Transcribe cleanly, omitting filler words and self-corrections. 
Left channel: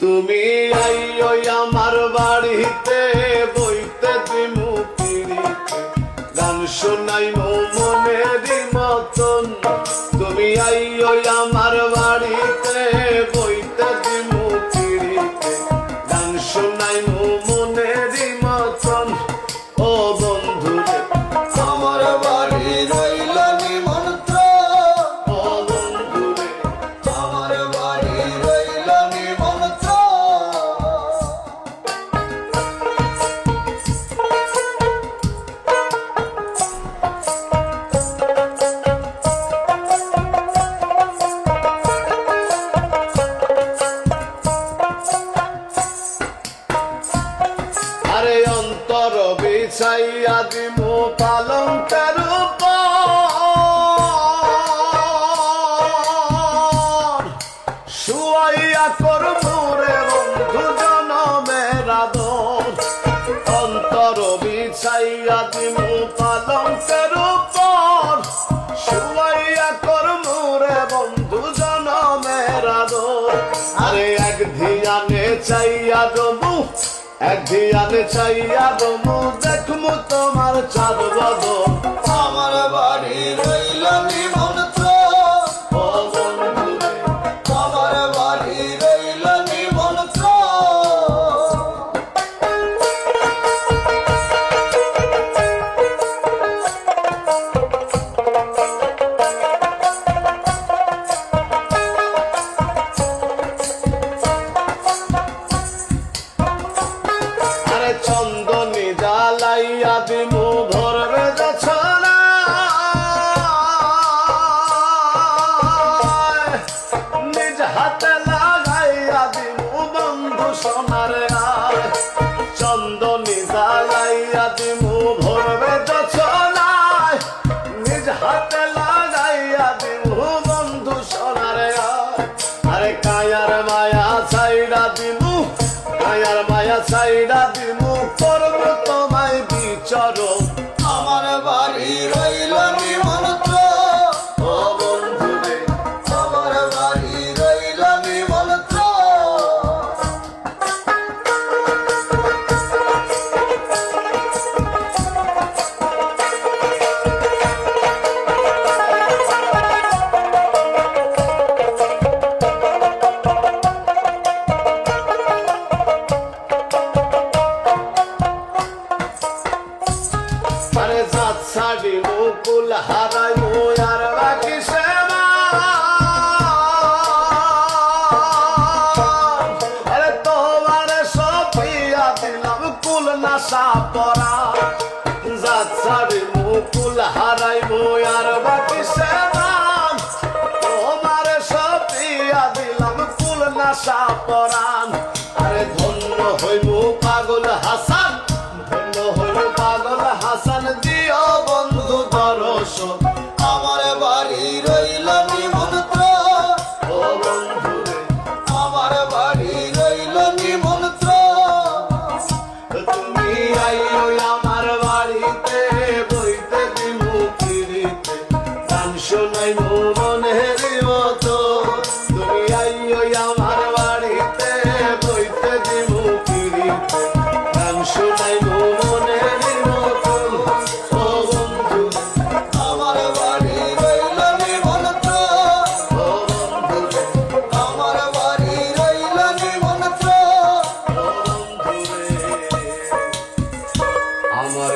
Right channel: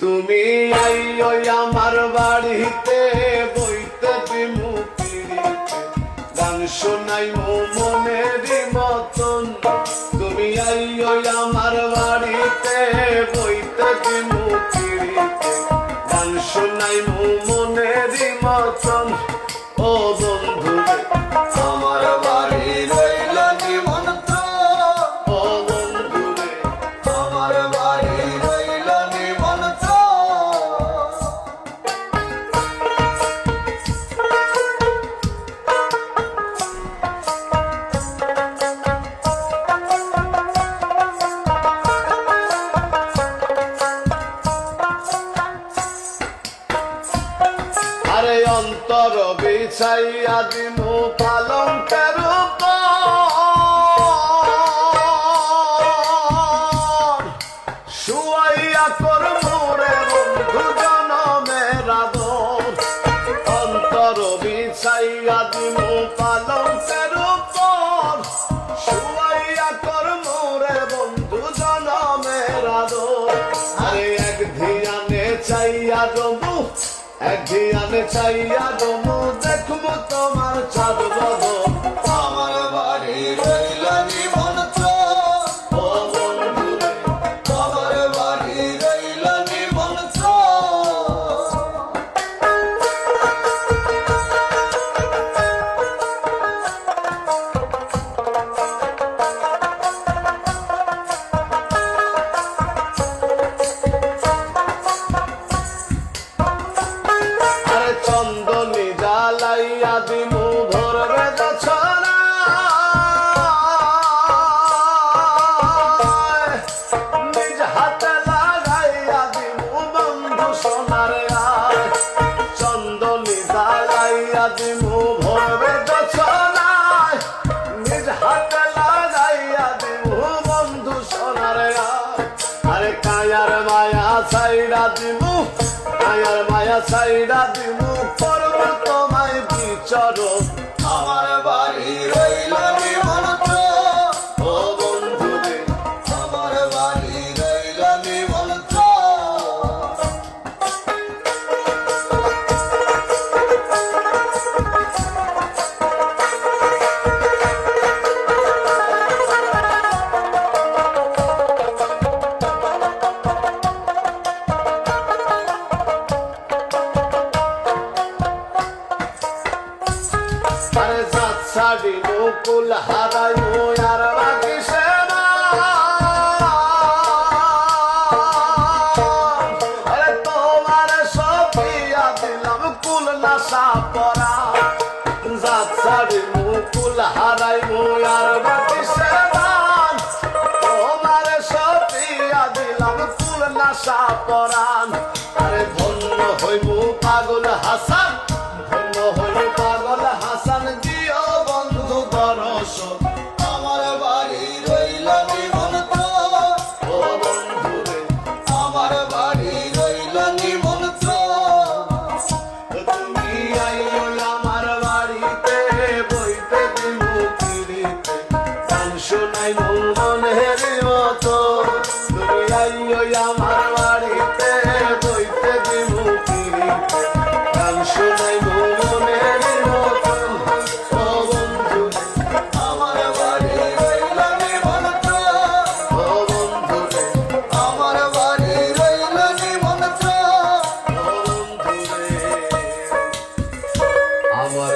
তুমি আইও আমার বাড়িতে বইতে দিমু পিড়িতে গান শোনাইমু মনেরই মতন। তুমি আইও আমার বাড়িতে বইতে দিমু পিড়িতে গান শোনাইমু মনেরই মতন। ও বন্ধু আমার বাড়ি রইল নিমন্ত্রণ, ও বন্ধু আমার বাড়ি রইল নিমন্ত্রণ। আরে অন্তর বিছাইয়া দিমু পালঙ্কের উপর, শুয়াইয়া করমু রে বন্ধু জনমের আদর। অন্তর বিছাইয়া দিমু পালঙ্কের উপর, শুয়াইয়া করমু রে বন্ধু জনমের আদর। আরে এক ধিয়ানে চাইয়া জমু, এক ধিয়ানে চাইয়া জমু, দেখমু তোমার চাঁদ বদন। আমার বাড়ি রইল নিমন্ত্রণ, ও বন্ধু রে আমার বাড়ি রইল নিমন্ত্রণ। চন্দনী জ্বালাইয়া দিমু ভোরে জছনা, নিজ হাতে লাগাইয়া দিমু বন্ধু সোনার গায়। চন্দনী জ্বালাইয়া দিমু ভোরে জছনা, নিজ হাতে লাগাইয়া দিমু বন্ধু সোনার গায়। আরে কায়ার মায়া ছাইড়া দিমু, কায়ার মায়া ছাইড়া দিমু, করবো তোমায় বিচরণ। আমার বাড়ি রইল নিমন্ত্রণ, ও বন্ধু রে আমার বাড়ি রইল নিমন্ত্রণ। আরে জাত ছাড়ি মুকুল হারাই আর বাকি সেবা। আরে তোমার সপিয়া দিলাম কুল নাশা পরা, জাত ছাড়ি মুকুল হারাই আর বাকি সেবা। তোমার সপিয়া দিলাম কুল নাশা পরান। আরে ধন্য হইমু পাগল হাসান, ধন্য হইমু পাগল হাসান, দিও বন্ধু দর্শন। আমার বাড়ি রইল নিমন্ত্রণ, ও বন্ধু রে আমার বাড়ি রইল নিমন্ত্রণ। তুমি আইও আমার বাড়িতে বইতে দিমু পিড়িতে গান শোনাইমু মনের মতন। তুমি আইও আমার বাড়িতে বইতে দিমু পিড়িতে গান শোনাইমু মনের মতন। ও বন্ধু আমার বাড়ি রইল নিমন্ত্রণ, ও বন্ধু রে আমার বাড়ি রইল নিমন্ত্রণ। ও বন্ধু রে আমার